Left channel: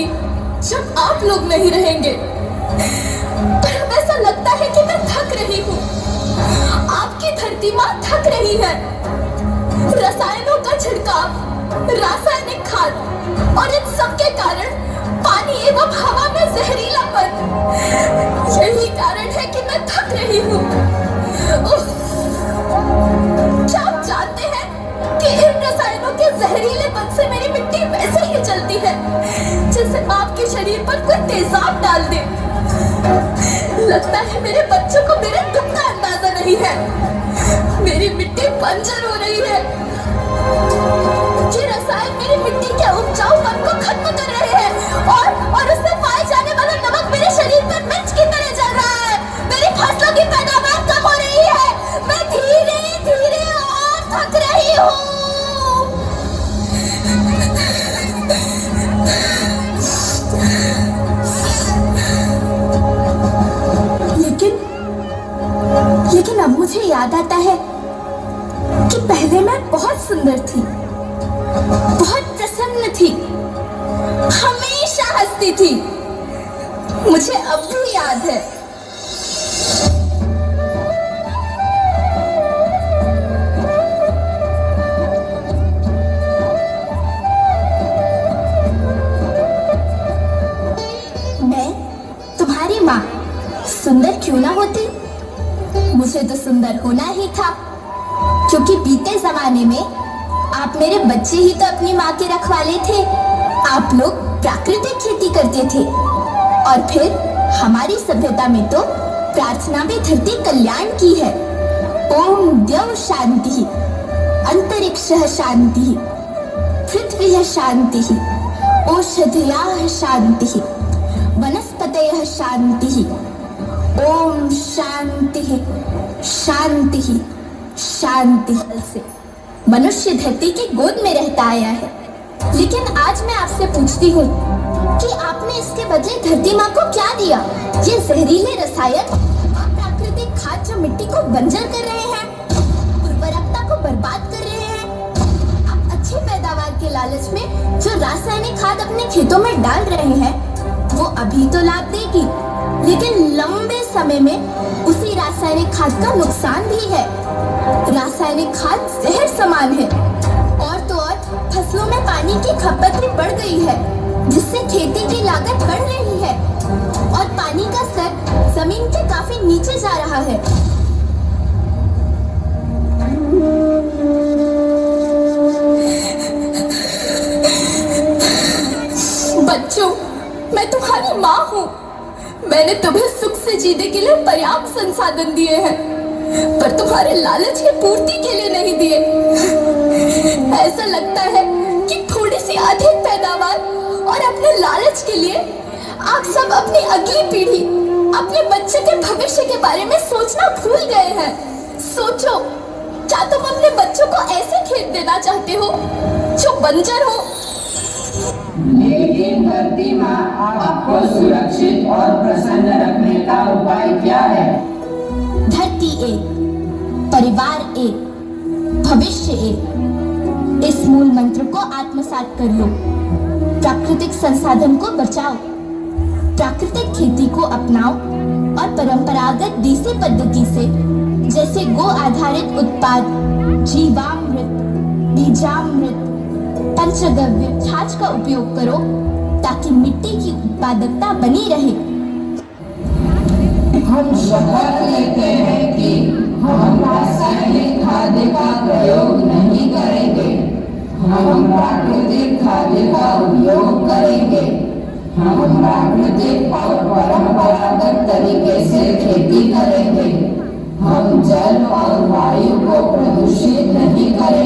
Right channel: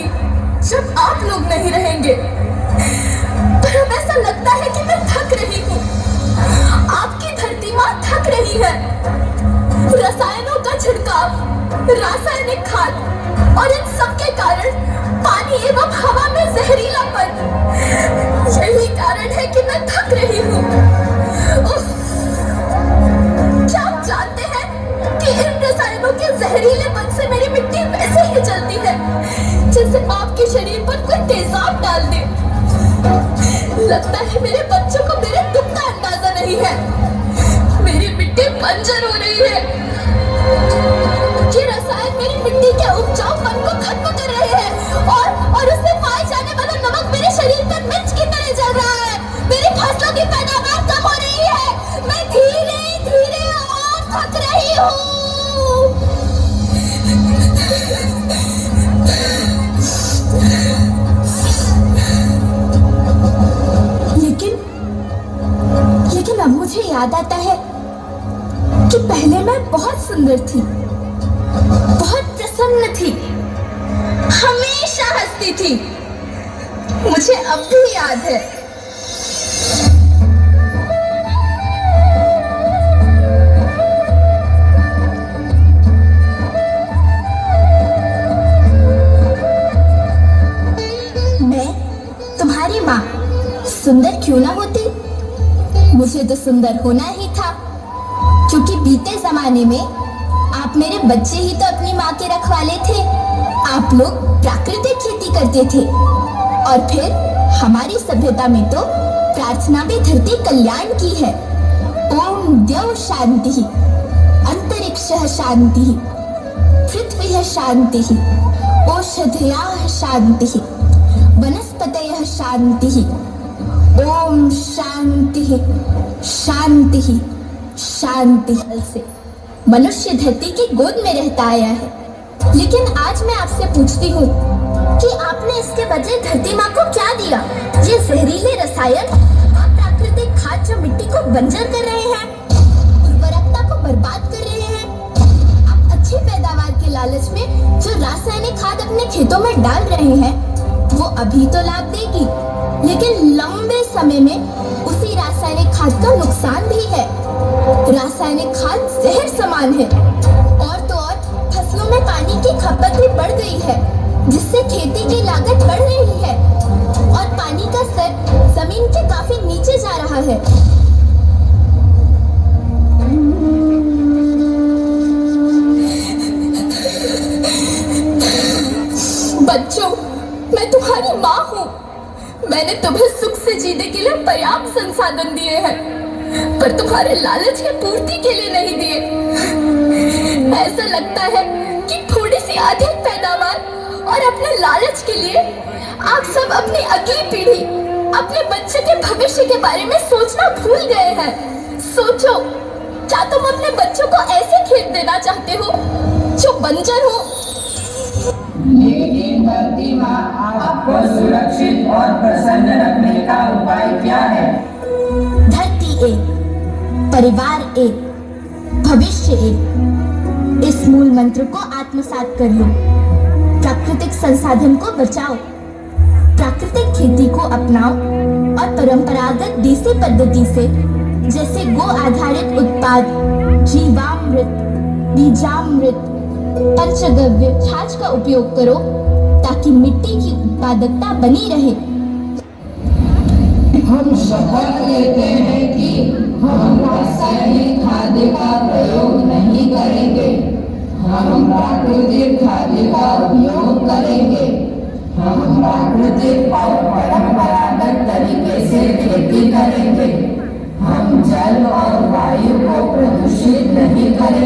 रहूंगी जब आप लोग नहीं रहेंगे। पर अब ऐसा लगता है कि मैं थक रही हूँ। आपकी धरती माँ थक रही है। रसायनों का छिड़काव, रासायनिक खाद और इन सब के कारण पानी एवं हवा में जहरीलापन, यही कारण है कि मैं थक रही हूँ। क्या आप जानते हैं कि इन रसायनों के जहरीलेपन से मेरी मिट्टी वैसे ही जलती है जैसे आपके शरीर पर कोई तेजाब डाल दे। लगता है मेरे बच्चों को मेरे दुख का अंदाजा नहीं है। मेरी मिट्टी बंजर हो रही है। ये रसायन मेरी मिट्टी के उपजाऊपन को खत्म कर रहे हैं और उसमें पाए जाने वाला नमक मेरे शरीर पर मिर्च की तरह जल रहा है। मेरी फसलों की पैदावार कम हो रही है। मैं धीरे धीरे और थक रही हूँ। लेकिन अब मुझे याद आता है कि पहले मैं बहुत सुंदर थी, बहुत प्रसन्न थी, हमेशा हंसती थी। मुझे अब भी याद है। मैं तुम्हारी माँ सुंदर क्यों ना होती, मुझे तो सुंदर होना ही था, क्योंकि बीते जमाने में आप मेरे बच्चे ही तो अपनी माँ के रखवाले थे। आप लोग प्राकृतिक खेती करते थे और फिर हमारी सभ्यता में तो प्रार्थना भी धरती कल्याण की है। ओम द्यौ शांति, अंतरिक्षः शांति, पृथ्वी शांति, औषधयः शांति, वनस्पतयः शांति। ओम शांति शांति शांति। से मनुष्य धरती की गोद में रहता आया है। लेकिन आज मैं आपसे पूछती हूँ कि आपने इसके बदले धरती माँ को क्या दिया? ये जहरीले रसायन और प्राकृतिक खाद जो मिट्टी को बंजर कर रहे हैं, उर्वरकता को बर्बाद कर रहे हैं। आप अच्छी पैदावार के लालच में जो रासायनिक खाद अपने खेतों में डाल रहे हैं, वो अभी तो लाभ देगी, लेकिन लंबे समय में उसी रासायनिक खाद का नुकसान भी है। रासायनिक खाद जहर समान है। और तो और फसलों में पानी की खपत भी बढ़ गई है, जिससे खेती की लागत बढ़ रही है और पानी का स्तर जमीन के काफी नीचे जा रहा है। बच्चों, मैं तुम्हारी माँ हूँ। मैंने तुम्हें सुख से जीने के लिए पर्याप्त संसाधन दिए हैं, पर तुम्हारे लालच की पूर्ति के लिए नहीं दिए। ऐसा लगता है कि थोड़ी सी अधिक पैदावार और अपने लालच के लिए आप सब अपनी अगली पीढ़ी, अपने बच्चे के भविष्य के बारे में सोचना भूल गए हैं। सोचो, क्या तुम अपने बच्चों को ऐसे खेत देना चाहते हो जो बंजर हो? लेकिन धरती माँ आपको सुरक्षित और प्रसन्न रखने का उपाय क्या है? धरती एक, परिवार एक, भविष्य एक। इस मूल मंत्र को आत्मसात कर लो। प्राकृतिक संसाधन को बचाओ, प्राकृतिक खेती को अपनाओ और परंपरागत देसी पद्धति से, जैसे गो आधारित उत्पाद, जीवामृत, बीजामृत, पंचगव्य, छाछ का उपयोग करो, ताकि मिट्टी की उत्पादकता बनी रहे। हम शपथ लेते हैं कि हम रासायनिक खाद्य का प्रयोग नहीं करेंगे। हम प्राकृतिक खाद्य का उपयोग करेंगे। हम प्राकृतिक और परंपरागत तरीके से खेती करेंगे। हम जल और वायु को प्रदूषित नहीं करेंगे।